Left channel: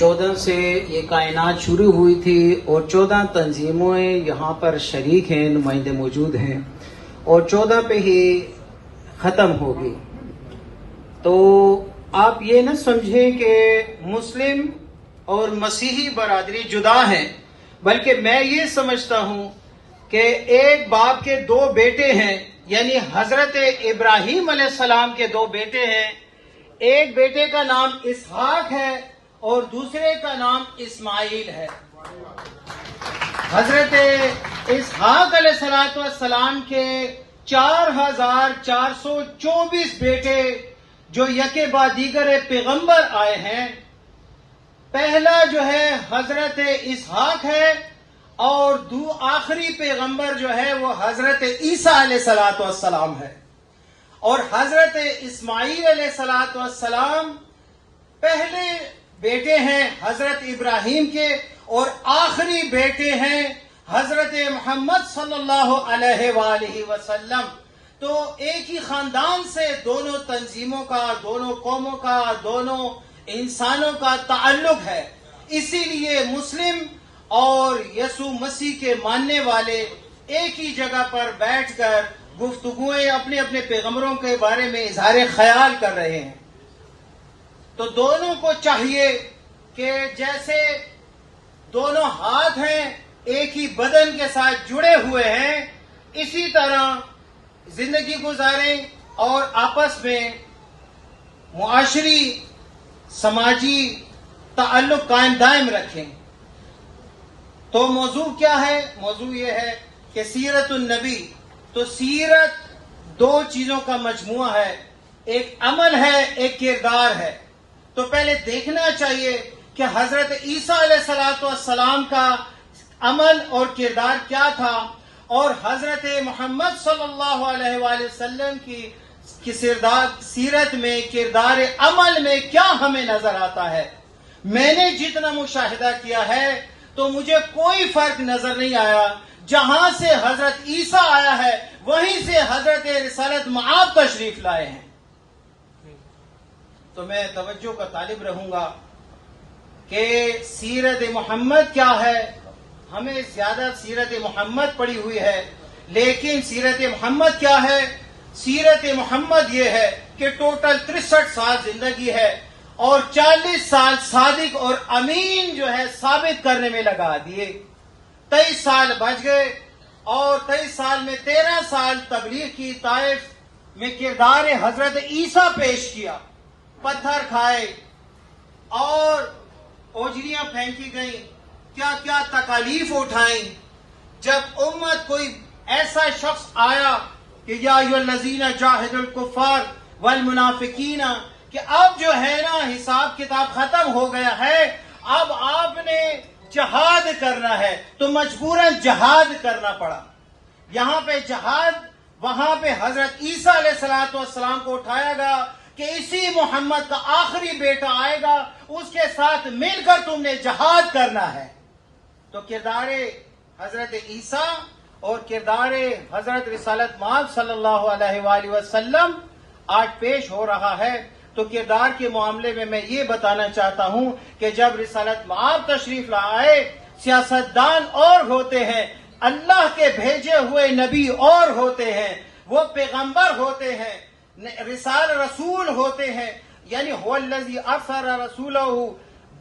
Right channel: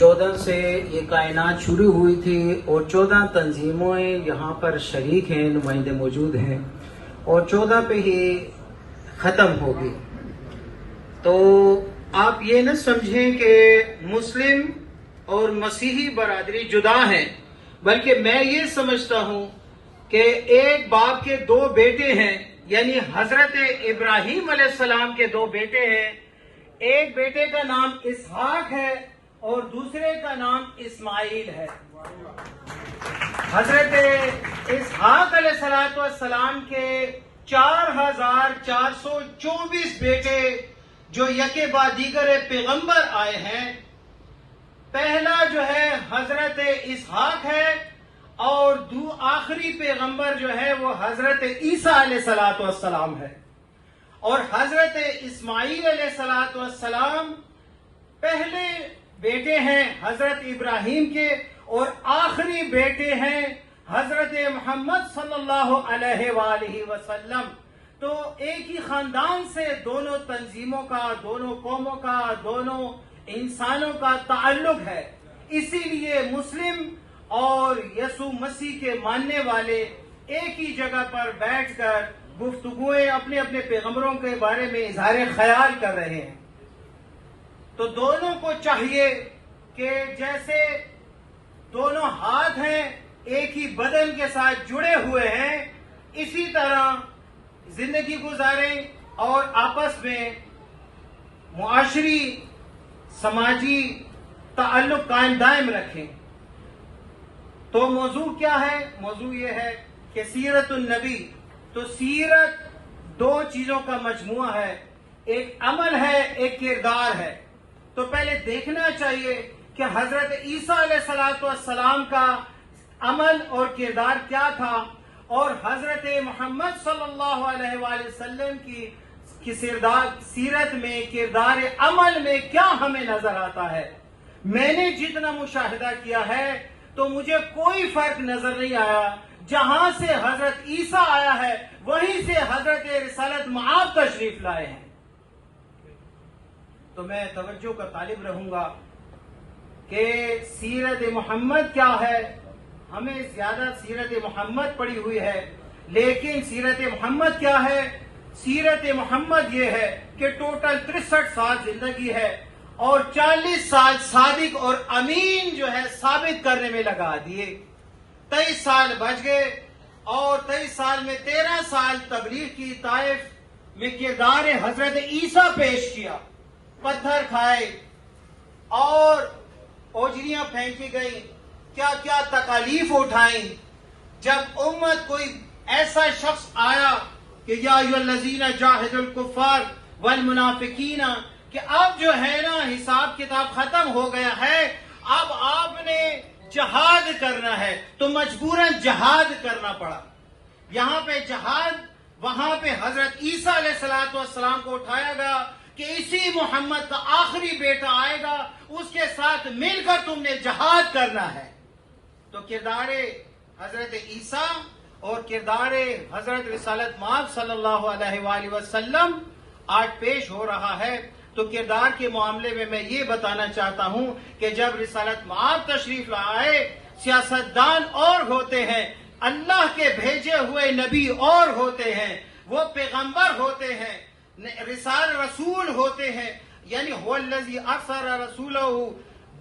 14 سے یہ کائنات شروع ہوئی تھی اور 14 تنظیمیں یہاں پر شریک ہیں، نمائندے موجود ہیں، اور 14 پہ ہی ختم ہوگی. تو آپ یہ نہ سمجھیں کہ مسلم اور مسیحی برادری جدا ہیں، بلکہ میں یہ سمجھتا ہوں کہ ایک باپ کے دو بیٹے ہیں، یعنی حضرت ابراہیم علیہ السلام کے دو بیٹے ہیں. ایک بیٹے کا نام اسحاق ہے اور دوسرے کا نام اسماعیل ہے. حضرت اسحاق علیہ السلام کے 4424 بیٹے جو یکے بعد دیگر پیغمبر آئے ہیں. پہلا جو ہے حضرت اسحاق ہے اور آخری پیغمبر جو ہے وہ حضرت عیسیٰ علیہ السلام ہے. اور حضرت اسماعیل علیہ السلام پہلے بیٹے ہیں حضرت ابراہیم کے اور آخری بیٹے ہیں حضرت محمد صلی اللہ علیہ وآلہ وسلم. تو ایک ہی خاندان سے دونوں تنظیموں کا، دونوں قوموں کا، دونوں انسانوں کا تعلق ہے. اسی لیے مسلم اور یسوع مسیح کے ماننے والے ایک ہی جگہ پر بیٹھ کر گفتگویں اپنے اپنے پیغمبروں کے بارے میں اظہار خیال کر رہے ہیں. تو دونوں کو چاہیے کہ جیسے دونوں ہاتھ ہیں ایک ہی بدن کے ساتھ جڑے ہوئے ہیں، اسی طرح زندگی گزاریں اور آپس میں معاشری سماجی تعلق قائم دائم رکھیں. تو موضوع کیا ہے؟ موضوع یہ ہے کہ سیرت النبی. تو سیرت دو چیزوں کا مجموعہ ہے، ایک عمل ہے، ایک کردار ہے. تو پہلے دیکھنا چاہیے کہ حضرت عیسیٰ علیہ السلام کا عمل اور کردار کیا تھا اور حضرت محمد صلی اللہ علیہ وآلہ وسلم کی سیرت میں کردار عمل میں کیا ہمیں نظر آتا ہے. میں نے جتنا مشاہدہ کیا ہے تو مجھے کوئی فرق نظر نہیں آیا. جہاں سے حضرت عیسیٰ آیا ہے وہیں سے حضرت رسالت مآب تشریف لائے ہیں. تو میں توجہ کا طالب رہوں گا کہ سیرت محمد کیا ہے. ہمیں زیادہ سیرت محمد پڑھی ہوئی ہے، لیکن سیرت محمد کیا ہے؟ سیرت محمد یہ ہے کہ ٹوٹل 63 سال زندگی ہے اور 40 سال صادق اور امین جو ہے ثابت کرنے میں لگا دیے. 23 سال بچ گئے اور 23 سال میں 13 سال تبلیغ کی، طائف میں کردار حضرت عیسیٰ پیش کیا. پتھر کھائے اور اوجھلیاں پھینکی گئیں، کیا کیا تکالیف اٹھائیں. جب امت کوئی ایسا شخص آیا کہ یا ایھا الذین جاہدوا الکفار والمنافقین، کہ اب جو ہے نا حساب کتاب ختم ہو گیا ہے، اب آپ نے جہاد کرنا ہے، تو مجبوراً جہاد کرنا پڑا. یہاں پہ جہاد، وہاں پہ حضرت عیسیٰ علیہ السلام کو اٹھایا گیا کہ اسی محمد کا آخری بیٹا آئے گا، اس کے ساتھ مل کر تم نے جہاد کرنا ہے. تو کردار حضرت عیسیٰ اور کردار حضرت رسالت مآب صلی اللہ علیہ وآلہ وسلم آج پیش ہو رہا ہے. تو کردار کے معاملے میں میں یہ بتانا چاہتا ہوں کہ جب رسالت مآب تشریف لائے، سیاستدان اور ہوتے ہیں، اللہ کے بھیجے ہوئے نبی اور ہوتے ہیں، وہ پیغمبر ہوتے ہیں، رسول ہوتے ہیں. یعنی هو الذی ارسل رسولہ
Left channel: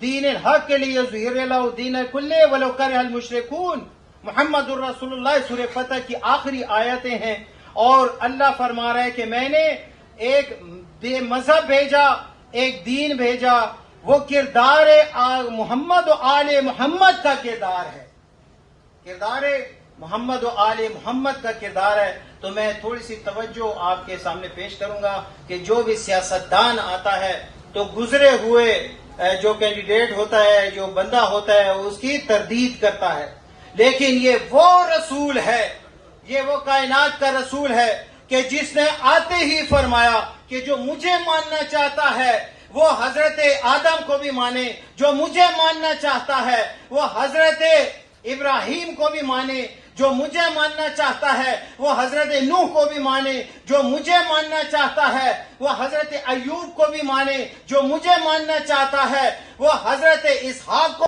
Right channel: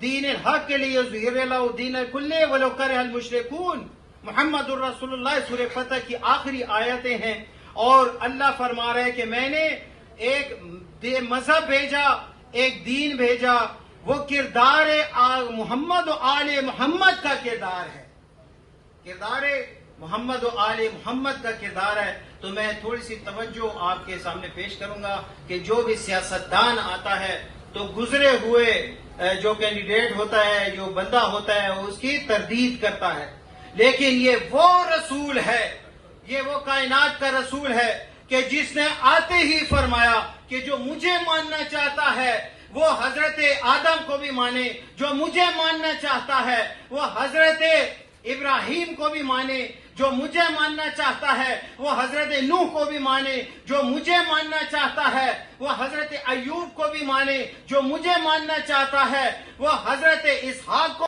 دین الحق لیظہرہ الدین کلہ ولو کرہ المشرکون. محمد الرسول اللہ سورہ فتح کی آخری آیتیں ہیں اور اللہ فرما رہا ہے کہ میں نے ایک مذہب بھیجا، ایک دین بھیجا. وہ کردار محمد و آل محمد کا کردار ہے، کردار محمد و آل محمد کا کردار ہے. تو میں تھوڑی سی توجہ آپ کے سامنے پیش کروں گا کہ جو بھی سیاستدان آتا ہے تو گزرے ہوئے جو کینڈیڈیٹ ہوتا ہے، جو بندہ ہوتا ہے، اس کی تردید کرتا ہے. لیکن یہ وہ رسول ہے، یہ وہ کائنات کا رسول ہے کہ جس نے آتے ہی فرمایا کہ جو مجھے ماننا چاہتا ہے وہ حضرت آدم کو بھی مانے، جو مجھے ماننا چاہتا ہے وہ حضرت ابراہیم کو بھی مانے، جو مجھے ماننا چاہتا ہے وہ حضرت نوح کو بھی مانے، جو مجھے ماننا چاہتا ہے وہ حضرت ایوب کو بھی مانے، جو مجھے ماننا چاہتا ہے وہ حضرت اسحاق کو